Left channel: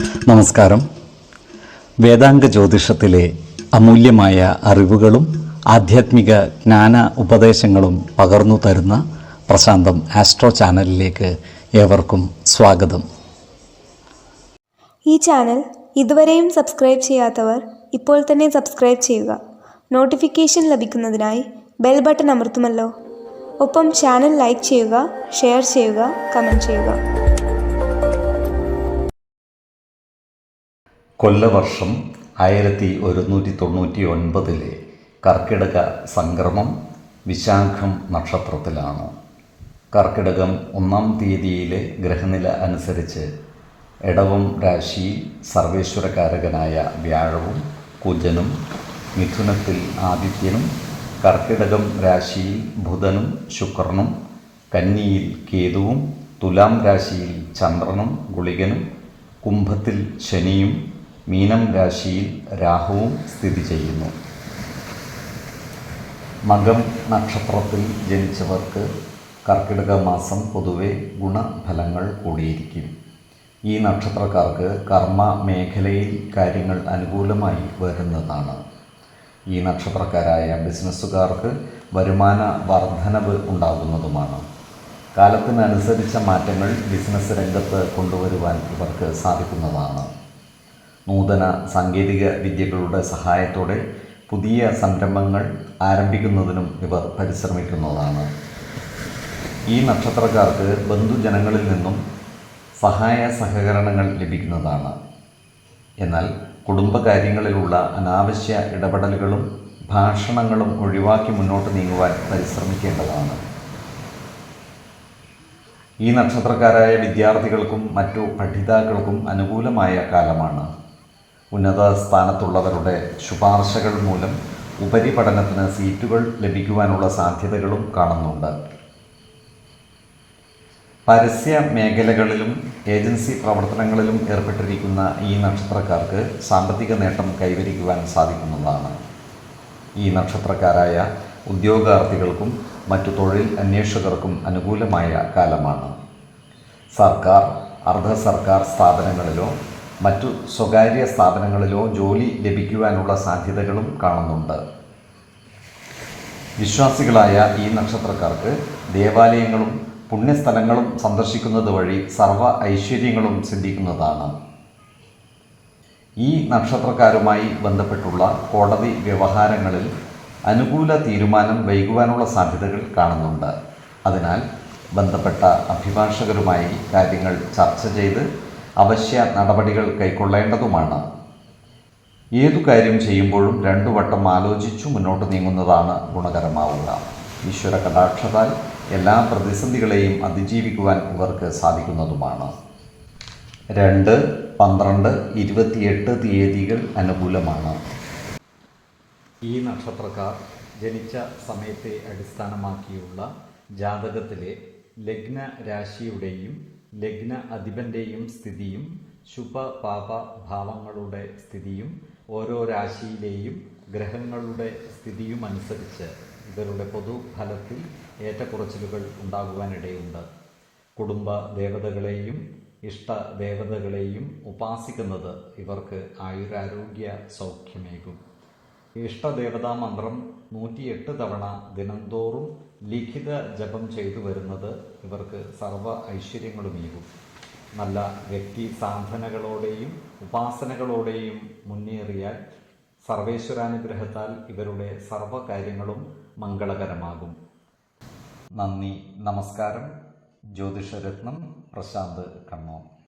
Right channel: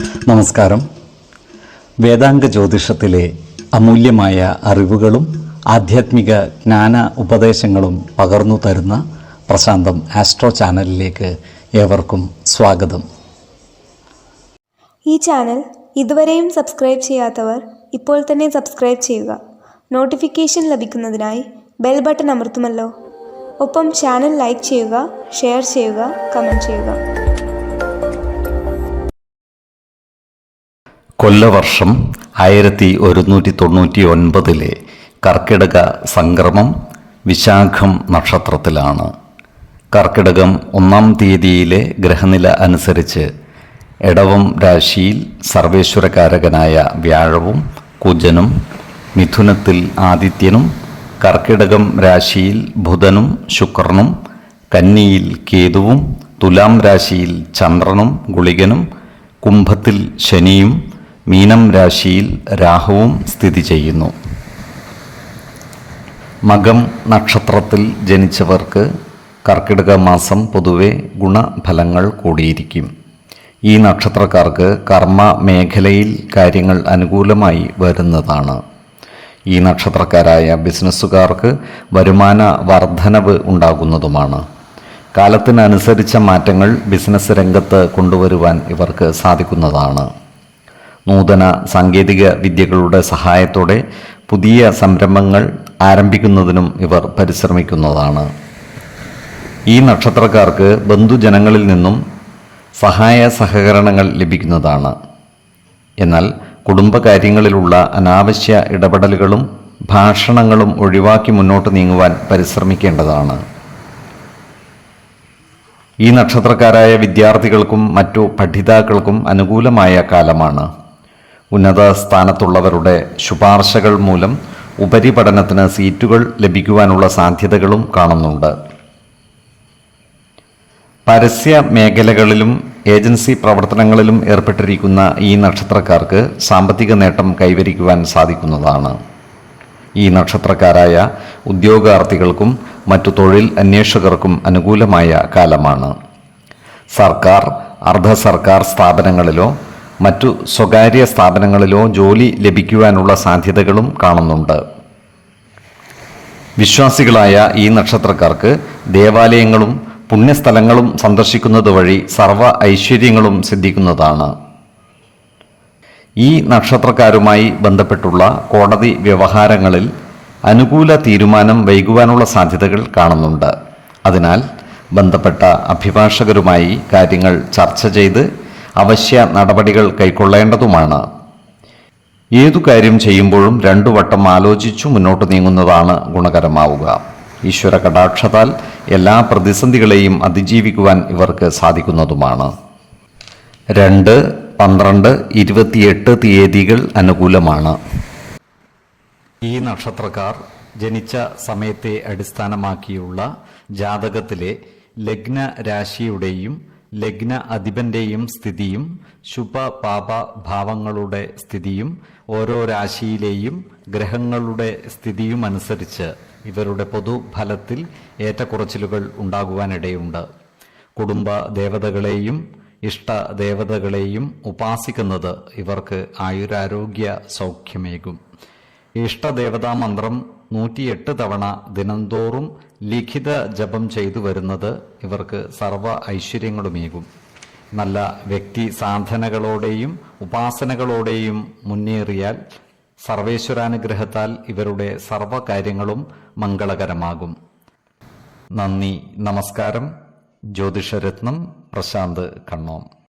നമസ്കാരം. വേദാംഗ ജ്യോതിഷത്തിലെ അമൂല്യമായ അറിവുകളും ആധ്യാത്മിക ജ്ഞാന ഉപദേശങ്ങളും പകർന്നു തരുന്ന പ്രശാന്തം ആസ്ട്രോ ചാനലിലേക്ക് ഏവർക്കും സ്വാഗതം. ഈ ചാനൽ ഇതുവരെയും സബ്സ്ക്രൈബ് ചെയ്യാത്തവർ ഇപ്പോൾ തന്നെ സബ്സ്ക്രൈബ് ചെയ്യുക. നോട്ടിഫിക്കേഷൻ ലഭിക്കുന്നതിനായി ബെൽ ബട്ടൺ അമർത്തുമല്ലോ. ഒപ്പം ചാനൽ ലൈക്ക് ചെയ്യുക, ഷെയർ ചെയ്യുക, കമൻറ്റ് ചെയ്യുക. കൊല്ലവർഷം 1199 കർക്കിടക സംക്രമം വിശാഖം നക്ഷത്രത്തിലാണ്. കർക്കിടകം 1-ാം തീയതിയിലെ ഗ്രഹനില അനുസരിച്ച് എടവം രാശിയിൽ സർവേശ്വരകാരകനായ വ്യാഴവും കുജനും, മിഥുനത്തിൽ ആദിത്യനും, കർക്കിടകം രാശിയിൽ ബുധനും ശുക്രനും, കന്നിയിൽ കേതുവും, തുലാം രാശിയിൽ ചന്ദ്രനും ഗുളികനും, കുംഭത്തിൽ ശനിയും, മീനം രാശിയിൽ രാഹുവും സ്ഥിതി ചെയ്യുന്നു. മകം നക്ഷത്രത്തിൽ ജനിച്ചവർക്ക് കർക്കിടക മാസം പൊതുവെ ഗുണഫലങ്ങൾ കൂടിയിരിക്കും. ഈ നക്ഷത്രക്കാർക്ക് കർമ്മ മേഖലയിൽ കാര്യങ്ങൾ അനുകൂലമായി വരുന്നതാണ്. ഈ നക്ഷത്രക്കാരായ ബിസിനസ്സുകാർക്ക് വരുമാന വർധനവ് ഉണ്ടാകുന്നതുമാണ്. കാലത്തിനനുസരിച്ച മാറ്റങ്ങൾ ബിസിനസ് രംഗത്ത് കൊണ്ടുവരുവാൻ ഇവർക്ക് സാധിക്കുന്നതാണ്. നൂതന സാങ്കേതിക വിദ്യകളുടെ സഹായത്തോടെ പുതിയ സംരംഭങ്ങൾ ആരംഭിക്കുന്നതിനും ഇവർ പരിശ്രമിക്കുന്നതാണ്. ഈ നക്ഷത്രക്കാർക്ക് ബന്ധുജനങ്ങളിൽ നിന്നും സഹായ സഹകരണങ്ങൾ ലഭിക്കുന്നതാണ്. എന്നാൽ കുടുംബകാര്യങ്ങളിലുള്ള അനാവശ്യ ഇടപെടലുകളും ഭാഷണങ്ങളും ഒഴിവാക്കി മുന്നോട്ട് നീങ്ങുവാൻ പരിശ്രമിക്കേണ്ടതാണ്. ഈ നക്ഷത്രക്കാരായ വിദ്യാർത്ഥികൾക്കും മറ്റു പഠിതാക്കൾക്കും അനുകൂലമായ കാലമാണ്. ഉന്നത സ്ഥാനത്തുള്ളവരുടെ ശുപാർശകൾ മൂലം ഉപരിപഠനത്തിന് സീറ്റുകൾ ലഭിക്കുവാനുള്ള സാധ്യതകളും കാണുന്നുണ്ട്. പരസ്യ മേഖലകളിലും ഏജൻസി പ്രവർത്തനങ്ങളിലും ഏർപ്പെട്ടിരിക്കുന്ന ഈ നക്ഷത്രക്കാർക്ക് സാമ്പത്തിക നേട്ടം കൈവരിക്കുവാൻ സാധിക്കുന്നതാണ്. ഈ നക്ഷത്രക്കാരായ ഉദ്യോഗാർത്ഥികൾക്കും മറ്റു തൊഴിൽ അന്വേഷകർക്കും അനുകൂലമായ കാലമാണ്. സർക്കാർ, അർദ്ധ സർക്കാർ സ്ഥാപനങ്ങളിലോ മറ്റു സ്വകാര്യ സ്ഥാപനങ്ങളിലോ ജോലി ലഭിക്കുവാനുള്ള സാധ്യതകളും കാണുന്നുണ്ട്. വിശ്വാസികളായ ഈ നക്ഷത്രക്കാർക്ക് ദേവാലയങ്ങളും പുണ്യസ്ഥലങ്ങളും സന്ദർശിക്കുന്നത് വഴി സർവ്വ ഐശ്വര്യങ്ങളും സിദ്ധിക്കുന്നതാണ്. ഈ നക്ഷത്രക്കാരുമായി ബന്ധപ്പെട്ടുള്ള കോടതി വ്യവഹാരങ്ങളിൽ അനുകൂല തീരുമാനം വൈകുവാനുള്ള സാധ്യതകൾ കാണുന്നുണ്ട്. അതിനാൽ ബന്ധപ്പെട്ട അഭിഭാഷകരുമായി കാര്യങ്ങൾ ചർച്ച ചെയ്ത് അവശ്യ നടപടികൾ കൈക്കൊള്ളേണ്ടതുമാണ്. ഏതു കാര്യം ചെയ്യുമ്പോഴും 2 വട്ടം ആലോചിച്ചു മുന്നോട്ട് നീങ്ങുന്നതാണ് ഗുണകരമാവുക. ഈശ്വര കടാക്ഷത്താൽ എല്ലാ പ്രതിസന്ധികളെയും അതിജീവിക്കുവാൻ ഇവർക്ക് സാധിക്കുന്നതുമാണ്. 2, 12, 28 തീയതികൾ അനുകൂലമാണ്. ഈ നക്ഷത്രക്കാർ ജനിച്ച സമയത്തെ അടിസ്ഥാനമാക്കിയുള്ള ജാതകത്തിലെ ലഗ്ന രാശിയുടെയും ലഗ്ന അധിപന്റെയും സ്ഥിതിയും ശുഭ പാപ ഭാവങ്ങളുടെ സ്ഥിതിയും ഓരോ രാശിയിലെയും ഗ്രഹങ്ങളുടെ സ്ഥിതിയും അനുസരിച്ച് ഇവരുടെ പൊതുഫലത്തിൽ ഏറ്റക്കുറച്ചിലുകൾ ഉണ്ടാകുവാനിടയുണ്ട്. കുടുംബ ദേവതകളെയും ഇഷ്ട ദേവതകളെയും ഉപാസിക്കുന്നത് ഇവർക്ക് ആയുരാരോഗ്യ സൗഖ്യമേകും. ഇഷ്ടദേവതാ മന്ത്രം 108 തവണ ദിനംതോറും ലിഖിത ജപം ചെയ്തു വരുന്നത് ഇവർക്ക് സർവ്വ ഐശ്വര്യങ്ങളുമേകും. നല്ല വ്യക്തി സാധനകളോടെയും ഉപാസനകളോടെയും മുന്നേറിയാൽ സർവേശ്വരാനുഗ്രഹത്താൽ ഇവരുടെ സർവ്വകാര്യങ്ങളും മംഗളകരമാകും. നന്ദി, നമസ്കാരം. ജ്യോതിഷരത്നം പ്രശാന്ത് കണ്ണോം.